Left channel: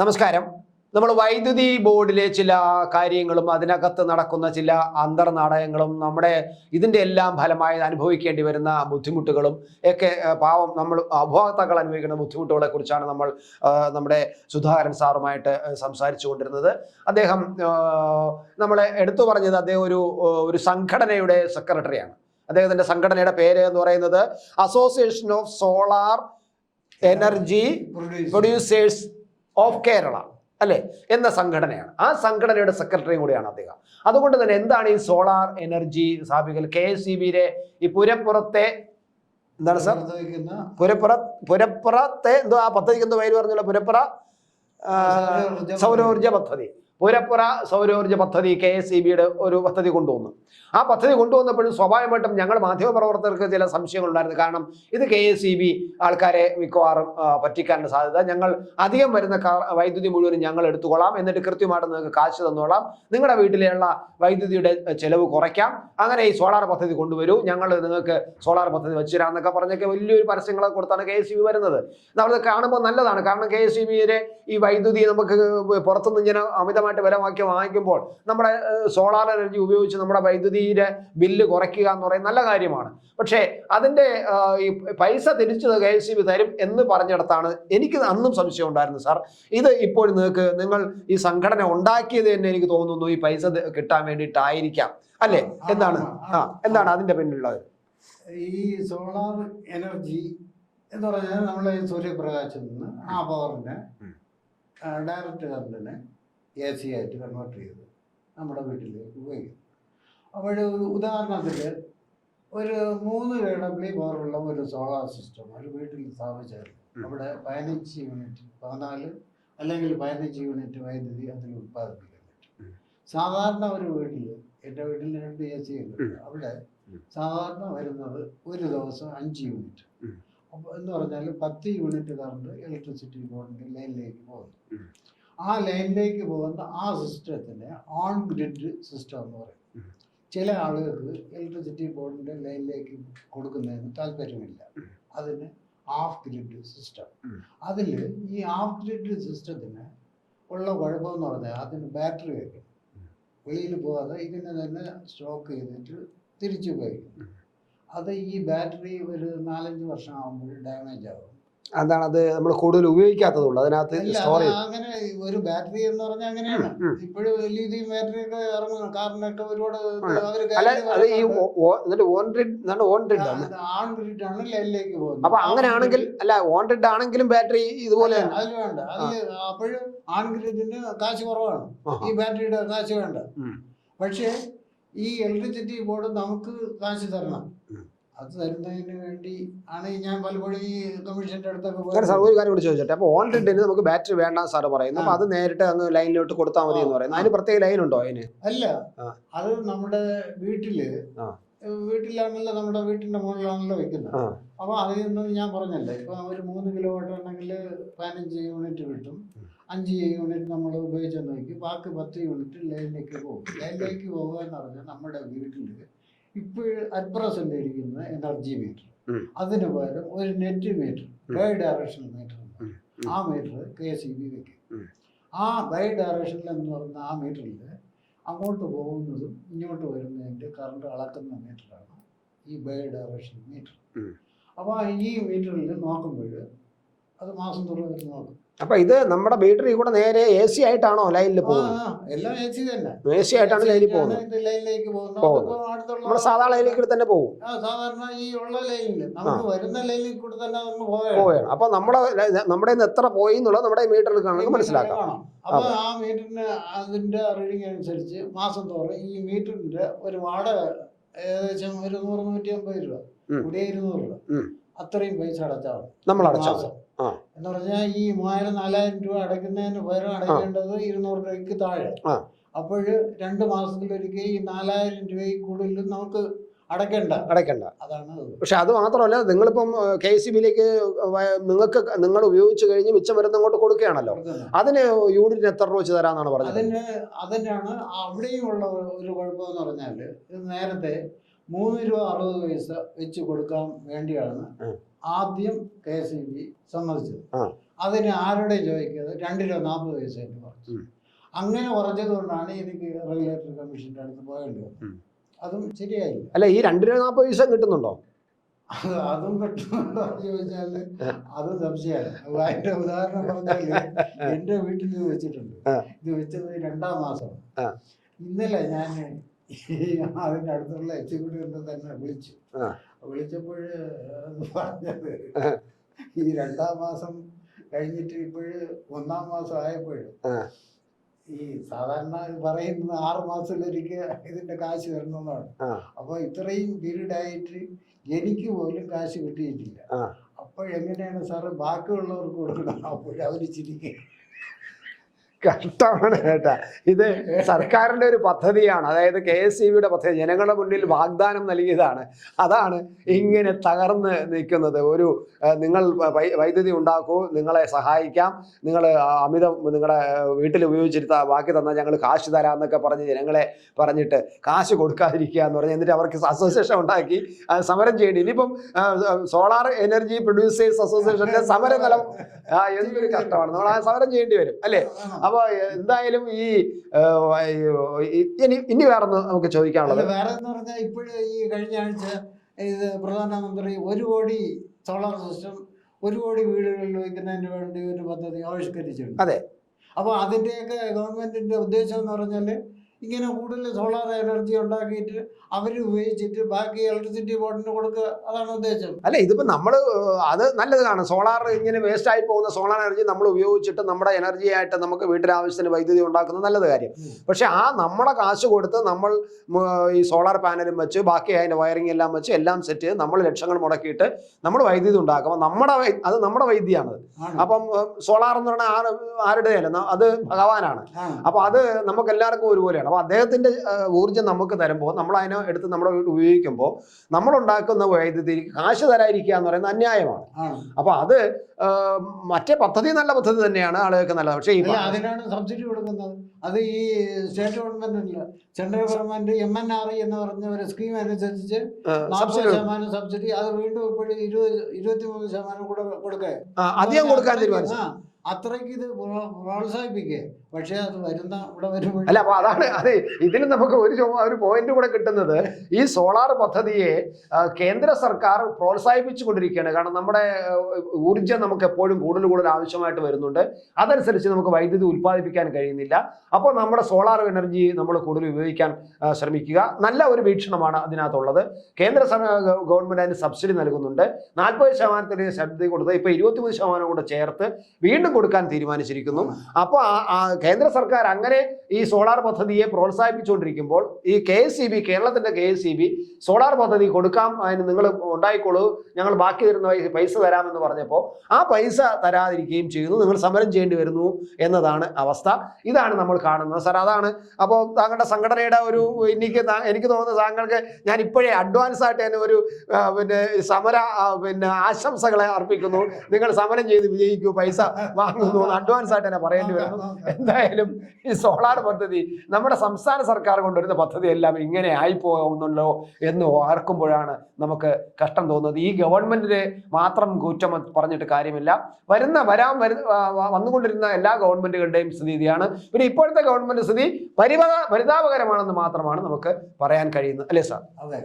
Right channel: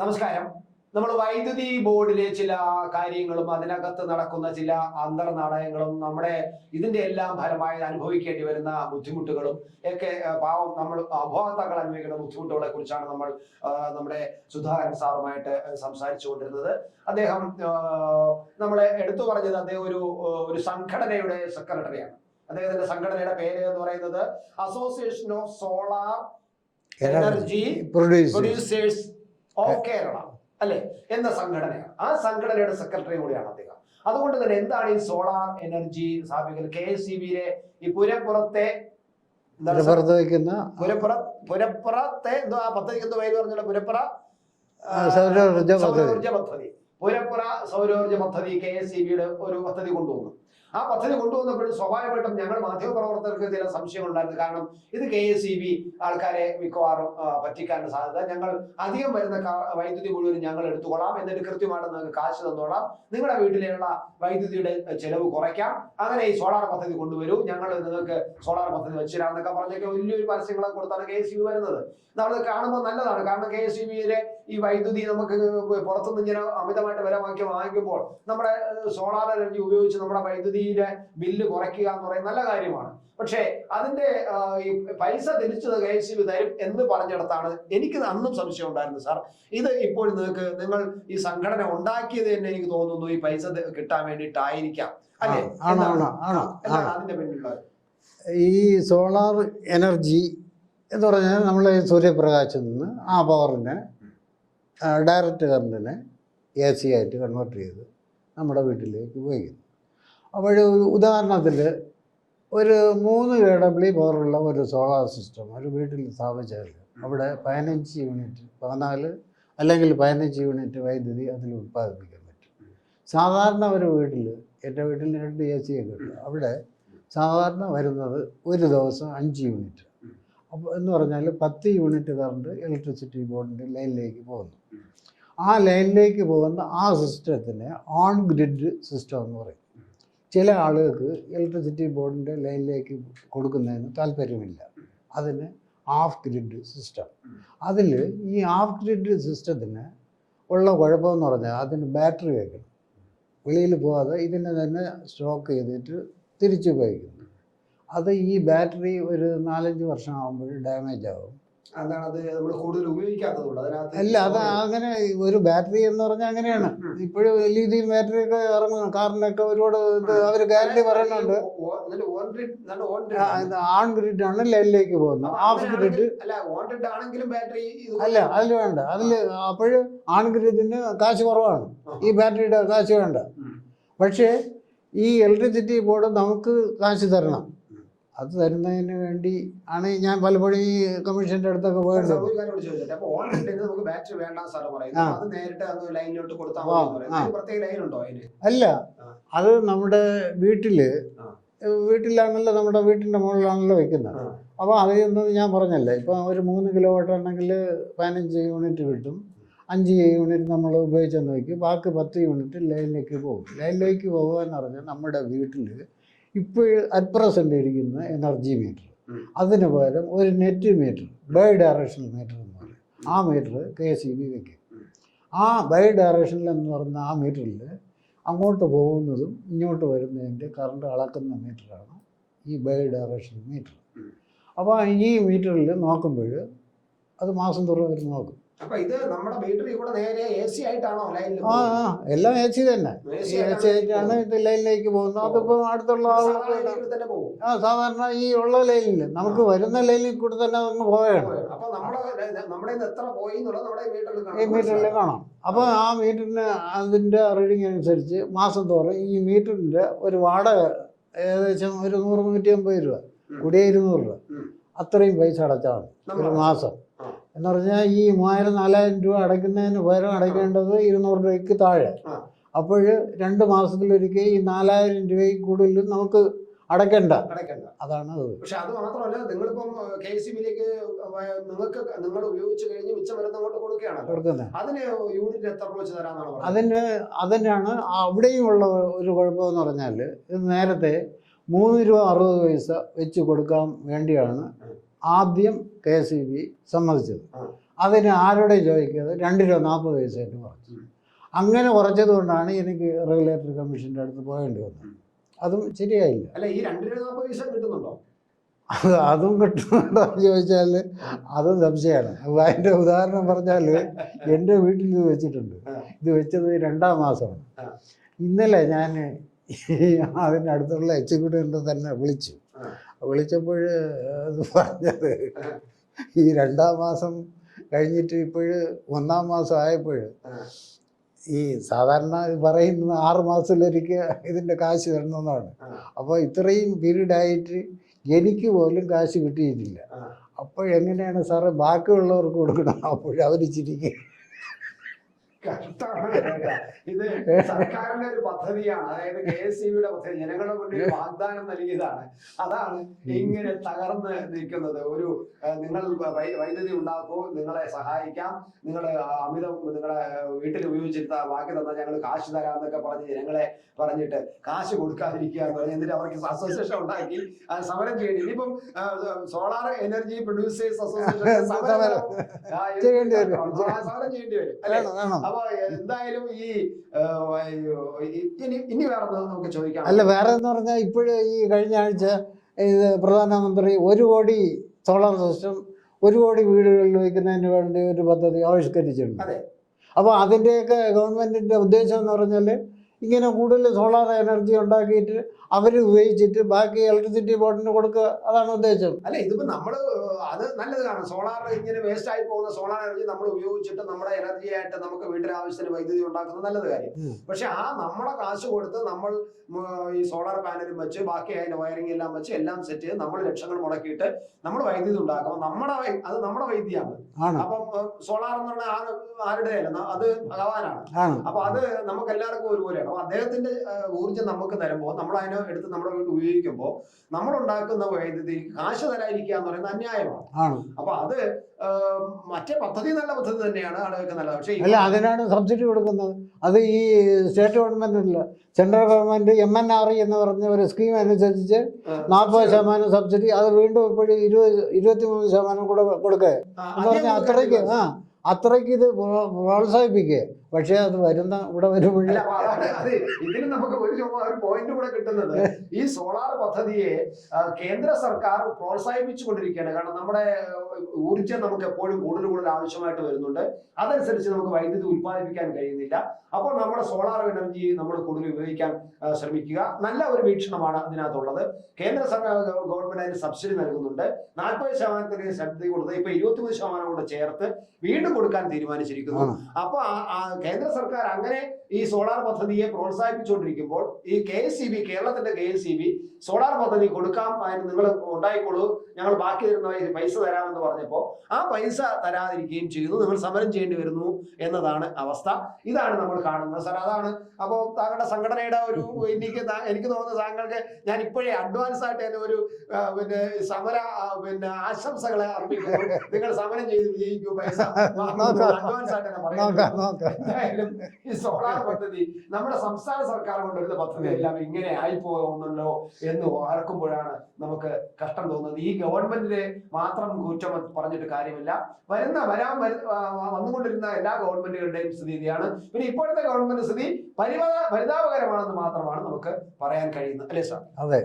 നമസ്കാരം. നമ്മൾ വൈദ്യുതി ബോർഡിലെ ചില കാര്യങ്ങളും അതിനകത്ത് നടക്കുന്ന ചില അന്തർനാടകങ്ങളും നമ്മുടെ ഇതിന്റെ എല്ലാം ഫലമായി അനുഭവിക്കേണ്ടി വരുന്ന ബുദ്ധിമുട്ടുകളും ഒക്കെ പാവം നമ്മൾ ഉപഭോക്താക്കൾ അനുഭവിക്കുന്ന ബുദ്ധിമുട്ടുകളെ കുറിച്ചാണ് നമ്മൾ നമ്മുടെ സുധാകരൻ സാറുമായിട്ട് സംസാരിച്ചു കൊണ്ടിരുന്നത്. അദ്ദേഹം നമ്മളെ എടുത്തു പറഞ്ഞത് അദ്ദേഹം ഒരു ഒരു സംഘടനയുടെ സെക്രട്ടറിയാണ് അദ്ദേഹത്തിന്റെ സംഘടനയുടെ പേര് എന്ന് പറയുന്നത് association of solar energy produce producers of Kerala അല്ലെ? എന്ന സംഘടനയാണ്. ആ സംഘടനയുടെ സെക്രട്ടറി കൂടിയാണ് അദ്ദേഹം. അതുകൊണ്ട് തന്നെ എന്താണ് ഈ സോളാർ എനർജി സ്ഥാപിക്കൽ? കെ എസ് സി ബിയിലെ ഈ പുരപ്പുറത്തെ പുരപ്പുറ പുരപ്പുറത്തെ എന്തോ ആ പദ്ധതിക്ക് എന്തോ പേര് പറഞ്ഞല്ലോ? പുരപ്പുറ സൗരോർജ പദ്ധതി. പുരപ്പുറ സൗരോർജ പദ്ധതി കെ എസ് സി ബിയുടെ ഒരു പദ്ധതി കൊണ്ടുവന്നു. ആ പദ്ധതി കൊണ്ടുവന്നപ്പോഴും സ്വാഭാവികമായിട്ടും ഞങ്ങൾ മാധ്യമപ്രവർത്തകർക്ക് ചില സംശയങ്ങളുണ്ടായിരുന്നു. കാരണം ഇത് കെ എസ് സി ബി ആൾക്കാരെ മിക്കവാറും പറ്റിക്കാനുള്ള സാധ്യത. ഞങ്ങൾ അധികം വരുന്ന വൈദ്യുതി മുഴുവനും ഞങ്ങൾ എടുത്തുകൊള്ളാം. എന്നിട്ട് കൃത്യമായിട്ട് നിങ്ങൾക്ക് കാശ് തന്നോളാം. നിങ്ങളുടെ വീട്ടിലുള്ള വൈദ്യുതിയുടെ ചെലവ് കുറയ്ക്കാം. അങ്ങനെ ഈ സോളാർ പദ്ധതി കൊണ്ടുവരൂ. ഞങ്ങൾ നിങ്ങൾക്ക് സോളാർ പദ്ധതി വെച്ചുതരാമെന്നൊക്കെ പറഞ്ഞൊക്കെ വലിയൊരു പരസ്യങ്ങളൊക്കെ കൊടുത്താണ് കെ എസ് ബി വരുന്നത്. നമ്മൾ കാണുമ്പോൾ നല്ലതാണ്. കാരണം കെ എസ് ബിയുടെ ഈ വൈദ്യുതി നമുക്ക് പുറത്തുനിന്ന് ഇങ്ങനെ അമിതമായിട്ട് വില വാക്കി വാങ്ങിക്കുമ്പോൾ നമ്മുടെ സോളാർ എനർജി ഉപയോഗിച്ച് നമ്മുടെ വൈദ്യുതിയുടെ ബില്ല് കുറയ്ക്കുക എന്ന് പറയുന്നത് നല്ല കാര്യമാണ്. പക്ഷേ അതിന്റെ ഈ പൈസ തിരിച്ചു കെ എസ് ബി തരും എന്ന് പറഞ്ഞിടത്താണ് എനിക്ക് അന്നും സംശയം ഉണ്ടായിരുന്നു സാർ. ഇത് ഇപ്പോൾ നിങ്ങൾക്ക് നിങ്ങൾ ഈ സംഘടന ഉണ്ടാക്കിയത് തന്നെ എനിക്ക് തോന്നുന്നു ഈ പൈസ കിട്ടാൻ വേണ്ടിയിട്ടായിരിക്കാം. അല്ലേ? എന്താണ്. എന്താണ് അതിന്റെ പിന്നിലുള്ളത്? ഈ സോളാർ എനർജി എന്ന് പറഞ്ഞാൽ നമ്മൾ സൂര്യപ്രകാശത്തിൽ നിന്ന് ആ പവറിനെ ഡയറക്റ്റ് കറണ്ടിനെ എ സി ആയിട്ട് കൺവേർട്ട് ചെയ്ത് നമ്മുടെ വീട്ടിലേക്ക് ഉപയോഗിക്കുന്നു. അപ്പോൾ ഉദാഹരണത്തിൽ ഒരു മൂന്ന് കെ ഡബ്ല്യു പവറുള്ള ഒരു സോളാർ സിസ്റ്റം ഒരു വീട്ടിൽ സ്ഥാപിച്ചാൽ അവിടെ പതിനഞ്ച് യൂണിറ്റ് പതിനാല് അല്ലെങ്കിൽ പതിനഞ്ച് യൂണിറ്റ് വൈദ്യുതി അതിൽ ഉത്പാദിപ്പിക്കാൻ പറ്റും. സാധാരണ ഒരു വീട്ടിൽ എന്റെ വീട്ടിൽ രണ്ട് എ സി ഒക്കെ ഉണ്ട്. അവിടെ സാധാരണ വരുന്നത് ഒരു ദിവസം അഞ്ച് യൂണിറ്റ് അപ്പോൾ എന്ന് പറഞ്ഞാൽ പത്ത് യൂണിറ്റ് കറണ്ട് ഇലക്ട്രിസിറ്റി ബോർഡിന്റെ ലൈനിലേക്ക് പോകുന്നു. ആ ലൈനിലേക്ക് പോകുന്ന ആ സിസ്റ്റത്തിന് ഓൺ ഗ്രിഡ് സിസ്റ്റം എന്ന് പറയും. ചില ആളുകൾക്ക് ഇലക്ട്രിസിറ്റി ബോർഡിന്റെ ലൈനിലേക്ക് കൊടുക്കുന്നതിന് താല്പര്യമില്ല. അതിന് ഹാഫ് ഗ്രിഡ് സിസ്റ്റം. അതിൽ ഈ ഹാഫ് ഗ്രിഡ് സിസ്റ്റത്തിന് ഉള്ള കുഴപ്പമെന്ന് പറഞ്ഞാൽ അതിന് ബാറ്ററി വയ്ക്കണം വെളിയിൽ പോകാതെ ഇതിനെ തന്നെ സ്റ്റോക്ക് ചെയ്തിട്ട് തിരിച്ചു ഉപയോഗിക്കും അത് ഈ ബാറ്ററി ഒരു നാലഞ്ച് വർഷം ആകുമ്പോൾ ഡാമേജ് ആവും. അതാണ് അത് നമ്മൾ കൂടുതൽ ഉപയോഗിക്കാത്തത് കൊണ്ട് അതിനകത്ത് അങ്ങനെ ഒരു ബാറ്ററി എന്ന് പറഞ്ഞാൽ അങ്ങനെയാണ്. ഇപ്പോഴും എൽ ഇ ഡി ബാറ്ററി ഒക്കെ ഇറങ്ങുന്നു കാറിനൊക്കെ ഒരുപാട് അവർ ഓൺ ഗ്രിഡ് എന്താണ് ആണ്. ഗ്രിഡ് ലൈനിലേക്ക് പോകുന്നത്. അപ്പൊ അങ്ങനെയാണെങ്കിൽ അല്ല ഓൺ ഗ്രിഡ് ആണെങ്കിലും ബാറ്ററി ഇതുപോലെ അതിൽ വേണ്ട. അതിൽ അപ്പോഴും ആൺ ഗ്രിഡിന് കാശ് കുറവാണ്. ഈ ബാറ്ററിയുടെ കാശ് വേണ്ട. പക്ഷേ ഈ ഇലക്ട്രിസിറ്റി ബോർഡ് നമുക്ക് കാശ് തരണം. അത് തരുന്നതിന് വേണ്ടി ആണ് ഞാൻ പലപ്പോഴും ഈ കമ്മീഷന്റെ അടുത്തൊക്കെ സാർ, പോയത് സാർ, ഒരു കാര്യം കൂടി ചോദിച്ചോട്ടെ? അപ്പൊ ഓൺ ഗ്രിഡിന് നമുക്ക് ബാറ്ററി വേണ്ട സാറ് പറയുന്നു. അപ്പോൾ അത് നേരിട്ട് അന്ന് ലൈനിലോട്ട് കൊടുത്താൽ മതി എന്ന് പറയുന്നു. അതിന് പ്രത്യേക ലൈൻ ഉണ്ടോ അതിന്? അല്ല. അത് നമ്മുടെ വീട്ടിൽ. വീട്ടിലാണല്ലോ നമ്മുടെ വീട്ടിന്റെ മുകളിലാണല്ലോ വെക്കുന്നത്. അപ്പോൾ അതിൽ നിന്ന് ഞാൻ പറഞ്ഞല്ലേ ഇപ്പൊ ഒരു മൂന്ന് കിലോ വാട്ട് ആണെങ്കിൽ പതിനഞ്ച് യൂണിറ്റ് കിട്ടും. അഞ്ച് യൂണിറ്റ് നമ്മൾ ഉപയോഗിച്ചെന്ന് വയ്ക്കും ബാക്കി പത്ത് യൂണിറ്റ് ലൈനിലേക്ക് പോകും. ലൈനിലേക്ക് പോകുക എന്ന് പറഞ്ഞാൽ നമ്മുടെ വീട്ടിൽ ഇപ്പോൾ അറ്റ് പ്രസന്റ് ഇരിക്കുന്ന എനർജി മീറ്റർ. അതിന് പകരം ഒരു net meter bidirectional meter എന്ന് പറയും. ആ meter K S E B വെക്കും. ആ ബൈ ഡയറക്ഷനിൽ എന്ന് പറയുന്ന ആ മീറ്ററിൽ അങ്ങോട്ട് പോകുന്നതും ഇങ്ങോട്ട് വരുന്നതിന്റെ കറണ്ട് അളക്കുന്ന മീറ്ററാണ് ഈ ബൈ ഡയറക്ഷൻ മീറ്റർ അപ്പോൾ ഈ മീറ്ററിൽ നോക്കുമ്പോൾ അത് മാസം തോറും അവർ നോക്കും. അപ്പൊ ഇത് നമ്മുടെ ബാറ്ററി കൂടെ നേരെ എ സി ആയിട്ടാണോ ലൈനിൽ എല്ലാം എ സി തന്നെ. എ സി ആയിട്ടാണ് ലൈനിലേക്ക് പോകുന്നത്. അടുത്തുള്ള സാധാരണ ലൈനിൽ തന്നെ പോകും. സാധാരണ ഈ ഉള്ള ലൈനിൽ നമുക്ക് വരുന്ന ലൈനിൽ കൂടെ തന്നെ ഒന്ന് പോയാണ് അപ്പൊ നമ്മുടെ നമ്മുടെ എത്ര പോയി എന്നുള്ളത് നമ്മുടെ മീറ്ററിൽ കാണാൻ കാണുന്നത് അപ്പൊ ആ മീറ്ററിന് അതിന്റെ റീഡിംഗ് അനുസരിച്ച് മാസം തോറും ഈ മീറ്ററിന്റെ ഒരു വാടക ഏകദേശം ഒരു നൂറ് നൂറ്റി അമ്പത് രൂപ കൂടിയ ഇരുന്നൂറ് രൂപ. അത്രയും പൈസ അടച്ചാൽ നമ്മൾ മാസം. എന്ന് പറഞ്ഞാൽ ഈ മൂവായിരം നാലായിരം രൂപ അടയ്ക്കുന്നതിന് പകരം അടയ്ക്കേണ്ടത് ഇരുന്നൂറ് രൂപയ്ക്ക് താഴെ. അപ്പോഴ് അപ്പോൾ രണ്ട് മാസത്തിലൊരിക്കൽ ഈ നാലായിരം രൂപയിൽ കൂടുതൽ നമുക്ക് അടയ്ക്കണ്ട. അടയ്ക്കണ്ട. അതാണ് അത്. പക്ഷെ അത് മാത്രമല്ല നിങ്ങളിപ്പം കെ സി ബിയിലേക്ക് നിങ്ങൾക്ക് നിങ്ങൾ ഉപയോഗിച്ച് കഴിഞ്ഞ് മിച്ചം വരുന്ന അങ്ങോട്ട് കൊടുക്കുകയാണല്ലോ. അതിന് യൂണിറ്റിന് എത്ര രൂപ വെച്ച് തരാന്നാണ് പറഞ്ഞത്? അതിന് അതിനാണ് അവിടെയും ഉള്ള ഒരു കുഴപ്പമെന്ന് പറഞ്ഞാൽ നേരത്തെ മൂന്ന് രൂപ അറുപത് പൈസ വെച്ച് കൊടുക്കാൻ വേണ്ടിയാണ് ആദ്യം കെ എസ് ഇ ബി സമ്മതിച്ചത്. അതിന് ആരോടെ ചോദിക്കുന്നത് രണ്ട് രൂപ നാൽപ്പത് പൈസയായിട്ട് കുറച്ചു. അങ്ങനെ കുറച്ചത് കൊണ്ടാണ് എനിക്ക് റെഗുലേറ്ററി കമ്മീഷന്റെ അടുത്ത് പോകേണ്ടി വന്നത്. അതും ശരിയായില്ല. അല്ല ഈ രണ്ട് രൂപ നാൽപ്പത് പൈസ കിട്ടുന്നുണ്ടോ? അത് അതും കിട്ടുന്നുണ്ടോ എന്ന് ചോദിച്ചാൽ അതും സംശയമാണ്. അതിന്റെ ഉദാഹരണം പറഞ്ഞാൽ എന്റെ വീട്ടിൽ ഇത് വെച്ചിട്ടുണ്ട്. ഇത് വെച്ചത് രണ്ടാം മാസമാണ്. ഇന്നലെ ഞാൻ അതിന്റെ അടുത്തുള്ള എക്സിക്യൂട്ടീവിന്റെ തന്നെ വിളിച്ചു. വിളിച്ചപ്പോൾ അത് പറഞ്ഞത് ഈ രണ്ടാം മാസം കഴിഞ്ഞിട്ട് ഇപ്പോഴ് ഒന്നാം മാസം ആയപ്പോൾ. ഈ സാധാരണ പറയുന്ന ആറ് മാസത്തിലൊരിക്കൽ ഇതിന്റെ കാശ് തരണമെന്നാണ് ആ. അപ്പോൾ ഇത്രയും പീരീഡ് ആയിട്ട് എനിക്ക് പോലും കാശ് കിട്ടിയിട്ടില്ല അപ്പോഴെങ്ങനെയാണ് സാറ് ബാക്കിയുള്ളവർക്ക് കൊടുക്കണം അപ്പോഴവർ ചിരിക്കും കഷ്ടമാണ് കേട്ടാ. ഇത് സർക്കാരിന്റെ ഒരു പദ്ധതിയാണ്. അതായത് കെ എസ് ഇ ബിയുടെ പദ്ധതി. ജനങ്ങളുടെ മുന്നിൽ വാഗ്ദാനം നൽകിയതാണ്. അതാണ് ഇങ്ങനെ തകർന്ന് നിൽക്കുന്നത്. ഒരു നിങ്ങൾ വൈദ്യുതി ഉണ്ടാക്കൂ നിങ്ങളെ സഹായിക്കാം നിങ്ങൾ അമിതം നിങ്ങളുടെ വീട്ടിൽ ഉപയോഗിച്ചിരുത്ത ബാക്കി തന്നാൽ ഞങ്ങൾ കാശ് തരാമെന്നൊക്കെ പറഞ്ഞ് ജനങ്ങളെ പറഞ്ഞിട്ട് കാശ് കൊടുക്കാതിരിക്കുക എന്ന് പറഞ്ഞ് എന്നിട്ട് അവർക്ക് അസോസിയേഷൻ ഉണ്ടാക്കി. സമരം ചെയ്യേണ്ടി. ഇനിയിപ്പം സോളാർ എനർജി പ്രൊഡ്യൂസേഴ്സ് അസോസിയേഷന്റെ സമരഫലം സമരം ചെയ്യേണ്ടി വരും. അല്ലേ. അപ്പൊ എന്തായാലും ഈ ഇനി ഇനി വേറെ നമുക്ക് ചോദിക്കാം അല്ല വേറെ എന്ന് പറഞ്ഞാൽ ഇപ്പോഴും ഈ കഴിഞ്ഞ ആഴ്ച ഇത് പ്രധാനമന്ത്രി ഒരു കോടി സോളാർ സിസ്റ്റം ഒരു കോടി വീടുകളിൽ വയ്ക്കുന്നതിന് വേണ്ടി ഒരു പദ്ധതി ആവിഷ്കരിച്ചിട്ടുണ്ട് അതെ. അപ്പോൾ അതിന്റെയൊക്കെ ഗവൺമെന്റിന്റെ ഉദ്ദേശം എന്ന് പറഞ്ഞാൽ ഇങ്ങനെ കൂടുതൽ സോളാർ എനർജി ഉണ്ടാക്കിയിട്ട് അവർ ഉപയോഗിച്ചിട്ട് ബാക്കി ഇലക്ട്രിസിറ്റി ബോർഡിന് കൊടുക്കുക. അതാണ് ഉദ്ദേശം. അല്ല ഇതിപ്പോ നമ്മൾ അത് നല്ലതാണ്. സോളാർ ഇങ്ങനെ വേസ്റ്റ് ആയി പോകുന്ന സോളാർ എനർജി നമ്മൾ ഉപയോഗിച്ചിട്ട് നമ്മുടെ എനർജി ആയിട്ട് നമുക്ക് വീട്ടിലെ ആവശ്യത്തിന് വൈദ്യുതി ഉണ്ടാക്കുന്നത് നല്ലത് കാര്യം. പക്ഷെ ആ നമ്മുടെ കാശ് കൊടുത്ത് നമ്മൾ ഈ സോളാർ പാനലും വെച്ച് ബാക്കി അതിന്റെ വയറിംഗ് എല്ലാം വെച്ച് എല്ലാം സെറ്റ് ചെയ്ത് നമ്മൾ ലക്ഷങ്ങൾ മുടക്കിയിട്ട് നമ്മൾ വൈദ്യുതി ഉണ്ടാക്കും. നമ്മുടെ അത് നമ്മുടെ വൈദ്യുതിയാണ് അപ്പം സോളാർ എന്ന് പറഞ്ഞാൽ ആരുടെ ആരുടെയല്ല അത് ഭഗവാനാണ്. അപ്പൊ അത് നമുക്ക് എല്ലാവർക്കും ഒരുപോലെയാണ്. അപ്പൊ അദ്ദേഹത്തിന്റെ ഊർജം നമുക്ക് തരുമ്പോൾ നമ്മൾ അതിനെ എടുത്ത് നമ്മുടെ വീട്ടിൽ ഉപയോഗിക്കുമ്പോൾ നമ്മൾ ഉണ്ടാക്കുന്ന വൈദ്യുതി കാശ് തരാതിരിക്കുക എന്ന് പറയുന്നത് അന്യായമാണ്. അപ്പൊ അത് മറ്റേ പദ്ധതി നല്ല പദ്ധതി തന്നെയാണ് ആളുകൾക്ക് നല്ലത്. പക്ഷേ അതിനാണ് സബ്സിഡി കൊടുക്കുന്നത്. അത് ഈ state government central government M N R എന്ന് പറഞ്ഞ ഒരു സ്കീം അനുസരിച്ച് നാൽപ്പത് ശതമാനം സബ്സിഡി അത് വീണ്ടും ഇപ്പോഴും ഇരുപത് ഇരുപത്തി മൂന്ന് ശതമാനം കൂടെ കൊടുക്കുക അധികം. ആ. അത്രയ്ക്ക് ഇത് പ്രോത്സാഹിപ്പിക്കുക. പക്ഷേ അത് വരുന്ന ഇവിടെ വരുമ്പോൾ അല്ല അപ്പൊ അതാണ് അതെ ഇതിന് നമുക്ക് ഒരു ഒരു പോയിന്റ് കൂടെ കിട്ടുന്നത്. ഈ സോളാർ പദ്ധതിയെ കേന്ദ്ര സർക്കാർ പ്രോത്സാഹിപ്പിച്ചു കൊണ്ടിരിക്കുകയാണ് കാരണം നമ്മുടെ ഊർജം ഊർജം നമുക്ക് എപ്പോഴും കൂടുതൽ കൂടുതൽ ആവശ്യമായിട്ട് വരുന്നുണ്ട്. അതനുസരിച്ച് നമുക്ക് വൈദ്യുതി ഉൽപ്പാദിപ്പിക്കാൻ കഴിയുന്നില്ല. അപ്പോൾ നമ്മുടെ സോളാർ എനർജി നമ്മൾ കൂടുതൽ ഉപയോഗിക്കാൻ ശ്രമിക്കുക. നല്ല ഒരു വീക്ഷണമാണ് അതിനകത്തുള്ളത്. കേന്ദ്ര ഗവൺമെന്റ് അതിന് സബ്സിഡി നൽകുന്നുണ്ട്. നാൽപ്പത് ശതമാനത്തിന് സബ്സിഡി കൊടുത്ത് ഇപ്പൊ ഇരുപത്തിമൂന്ന് ശതമാനം കൂടെ ചേർത്ത് വീണ്ടും കൊടുക്കാൻ തീരുമാനിച്ചിരിക്കുന്നു. അപ്പൊ ആ- ആ കേന്ദ്ര സർക്കാർ അങ്ങനെ ഈ സോളാർ പദ്ധതിയെ പ്രോത്സാഹിപ്പിച്ചുകൊണ്ടിരിക്കുമ്പോൾ ഈ കെ എസ് സി ബി കേരളത്തിന്റെ K S C B solar പദ്ധതി കൊടുക്കാം അതിന് നിങ്ങൾ ഉണ്ടായിക്കോളൂ ഞങ്ങൾ ബാക്കി തരുന്ന പൈസ- പൈസ തരാമെന്ന് പറഞ്ഞപ്പോൾ ആ പൈസ തരാതിരിക്കുകയും ചെയ്യുന്നു നിങ്ങൾ സമരം ചെയ്യേണ്ടി വരുന്നു എന്നതാണ് അവസ്ഥ. ഇതാണ് നമ്മൾ കാണുന്നത്. സാർ അതാണ്. അപ്പോൾ താങ്കളുടെ സംഘടനയുടെ ഒരു എനിക്ക് എനിക്ക് തോന്നുന്നത് താങ്കൾക്ക് ഞാൻ ഇപ്പോഴേ അഡ്വാൻസ് ആയിട്ട് തന്നെ ഒരു പിന്നെ സമര പിന്നെ ആശംസകളെ അർപ്പിക്കുന്നു. നിങ്ങൾ സമരം ചെയ്ത് വിജയിക്കൂ പൈസ അഡ്വാൻസ് ആയിട്ട് തന്നെ പറയേണ്ടി വരും. എന്തായാലും ഈ സോളാർ പദ്ധതി നമ്മുടെ സംസ്ഥാന സർക്കാർ കൊണ്ടുവരുന്ന പദ്ധതി എല്ലാം ഇങ്ങനെ ആയിപ്പോകുന്നല്ലോ എന്ന് ഓർക്കുമ്പോഴാണ് നമുക്ക് കഷ്ടം തോന്നുന്നത്. ഈ ഗവൺമെന്റിനെ മാത്രം കുറ്റം പറഞ്ഞിട്ട് കാര്യമില്ല. വരുന്ന വരാൻ വന്നുകൊണ്ടിരുന്ന എല്ലാ ഗവൺമെന്റുകളുടെയും സ്ഥിതിയാണ്. പിന്നെ ഇപ്പോഴത്തെ ഗവൺമെന്റ് സ്ഥിതി പരിപാ പരിതാപകരമാണെന്ന് മാത്രമാണ് നമുക്ക് പറയാൻ കഴിയുന്നത്. അല്ലേ സാർ? അതെ.